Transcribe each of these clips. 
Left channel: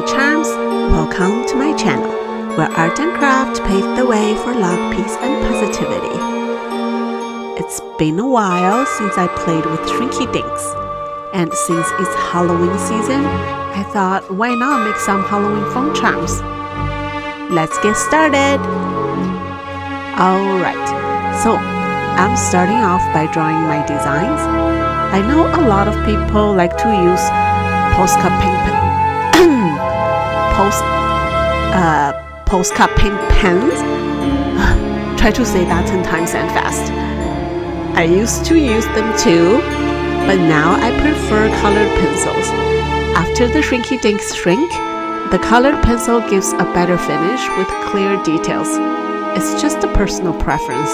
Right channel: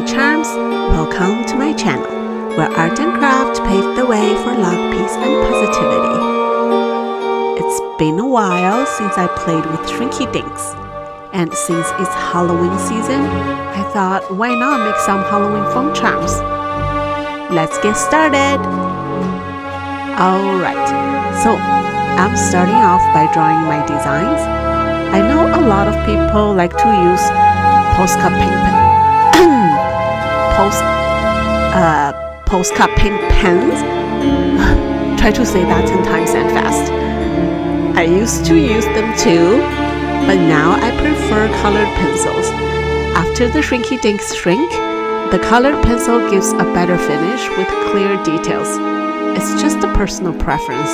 lucky charms, welcome to my channel, where art and craft pave the way for luck, peace, and positivity. It's been a while since I played with Shrinky Dinks, and since it's Halloween season, I thought why not make some Halloween phone charms? Let's get started! Alright, so I'm starting off by drawing my designs. I know a lot of people like to use postcard paint pens. Try to say that 10 times and fast. I used to use them too, but now I prefer colored pencils. After the Shrinky Dinks shrink, the colored pencil gives a better finish with clear details. It's just a personal preference.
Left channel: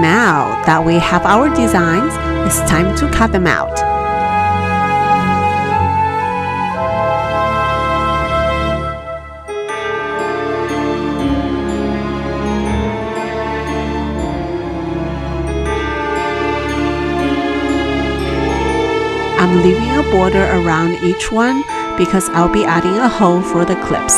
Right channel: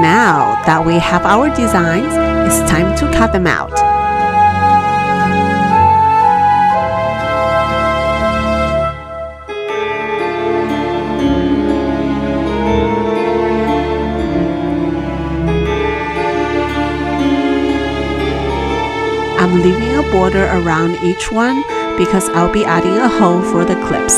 Now that we have our designs, it's time to cut them out. I'm leaving a border around each one because I'll be adding a hole for the clips.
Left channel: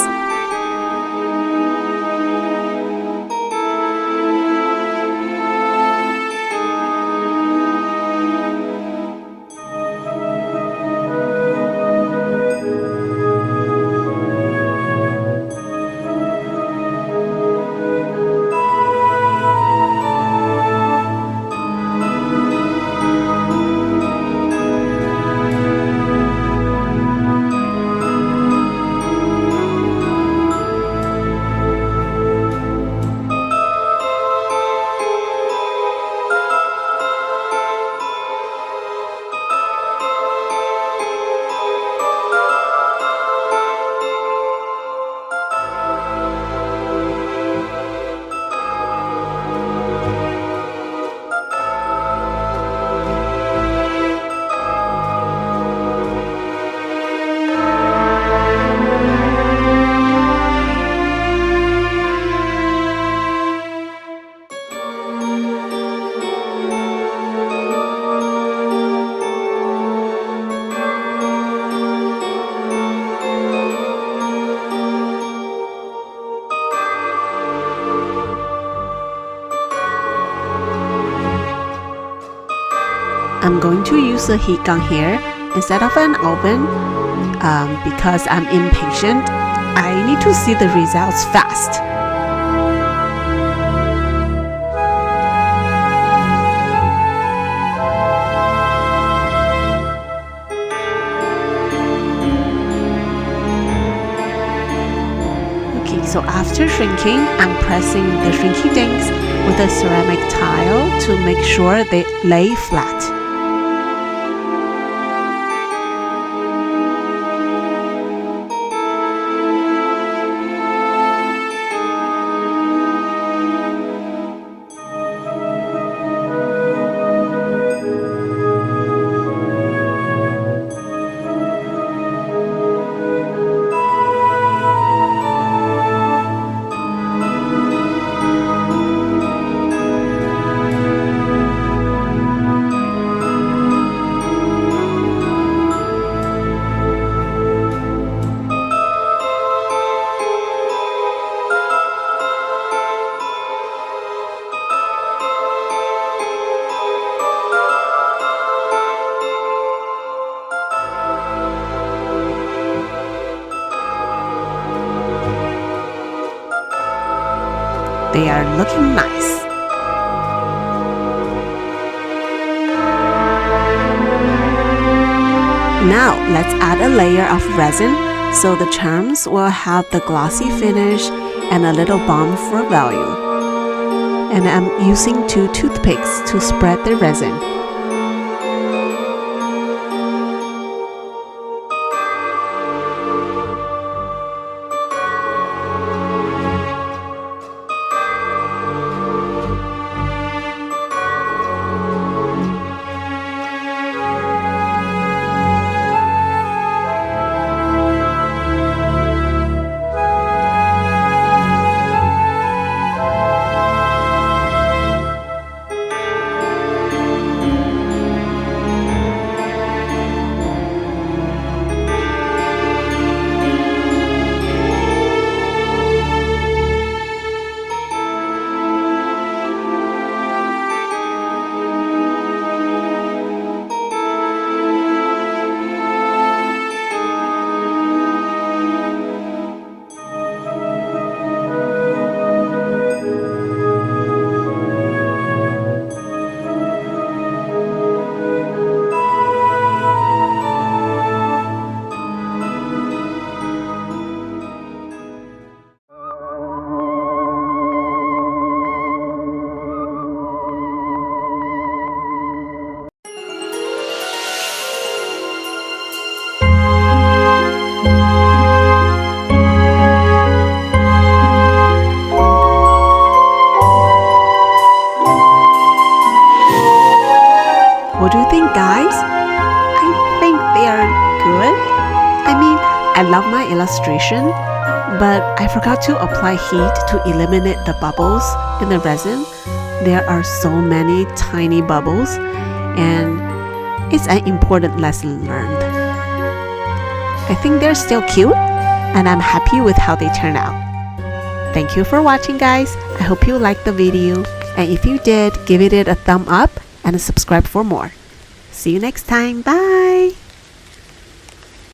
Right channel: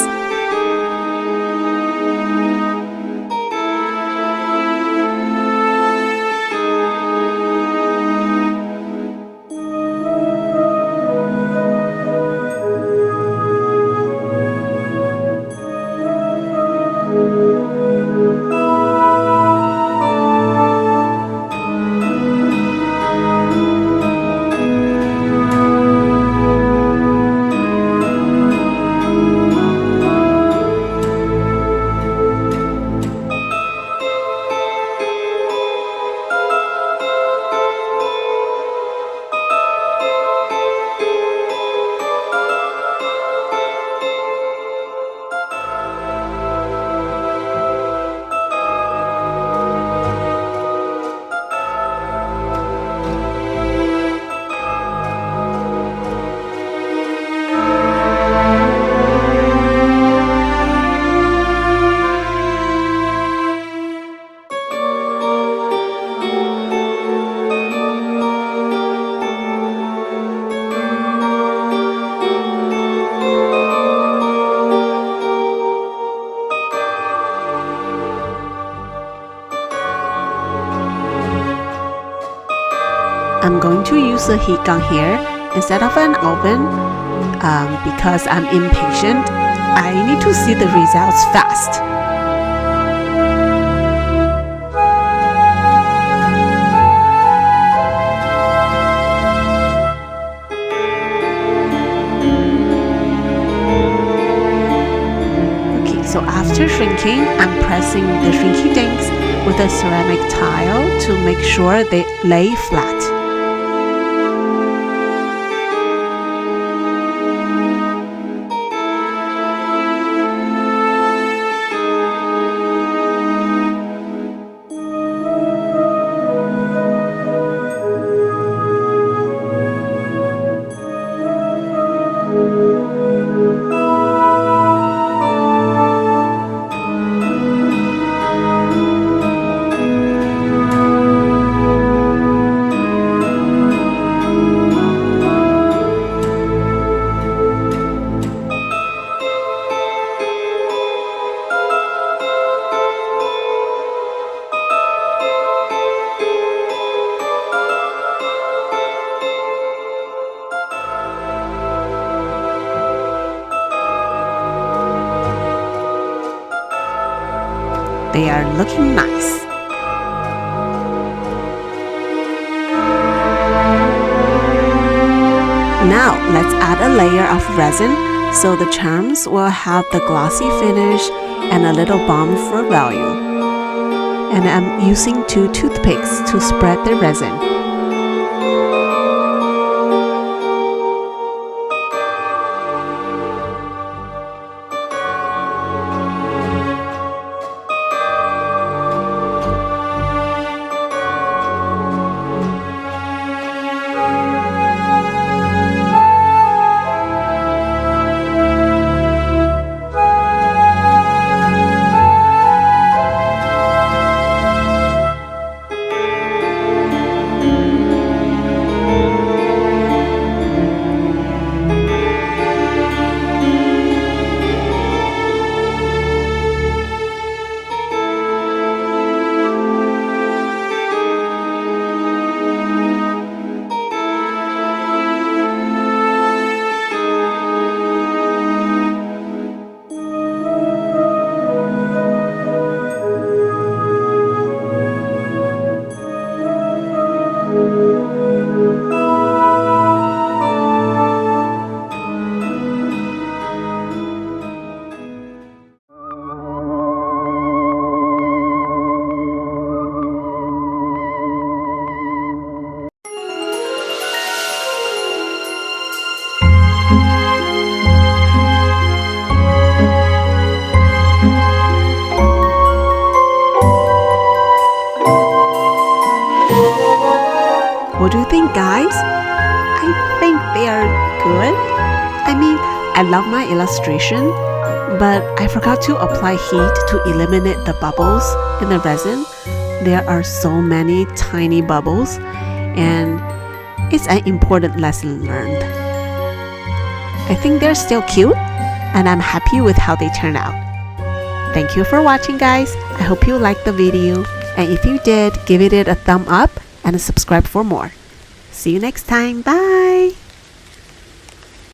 I'm going to use a heat gun here instead of an oven because I'm impatient. I need to see the results fast. Okay, so after shrinking, I'm pressing the Shrinky Dinks with a ceramic tile to make sure they lay flat. They are looking nice. Now let's add a layer of resin so the charms will have the glossy finish and a little bomb for value. And I'm using 2 toothpicks to spread the resin. guys, I think they are good. I mean, I love my illustration, but I forgot to apply heat to eliminate the bubbles in the resin. There are so many tiny bubbles, and it's an important lesson learned. I think they're still cute, and I'm happy with how they turn out. Thank you for watching, guys. I hope you liked the video, and if you did, give it a thumb up and subscribe for more. See you next time. Bye!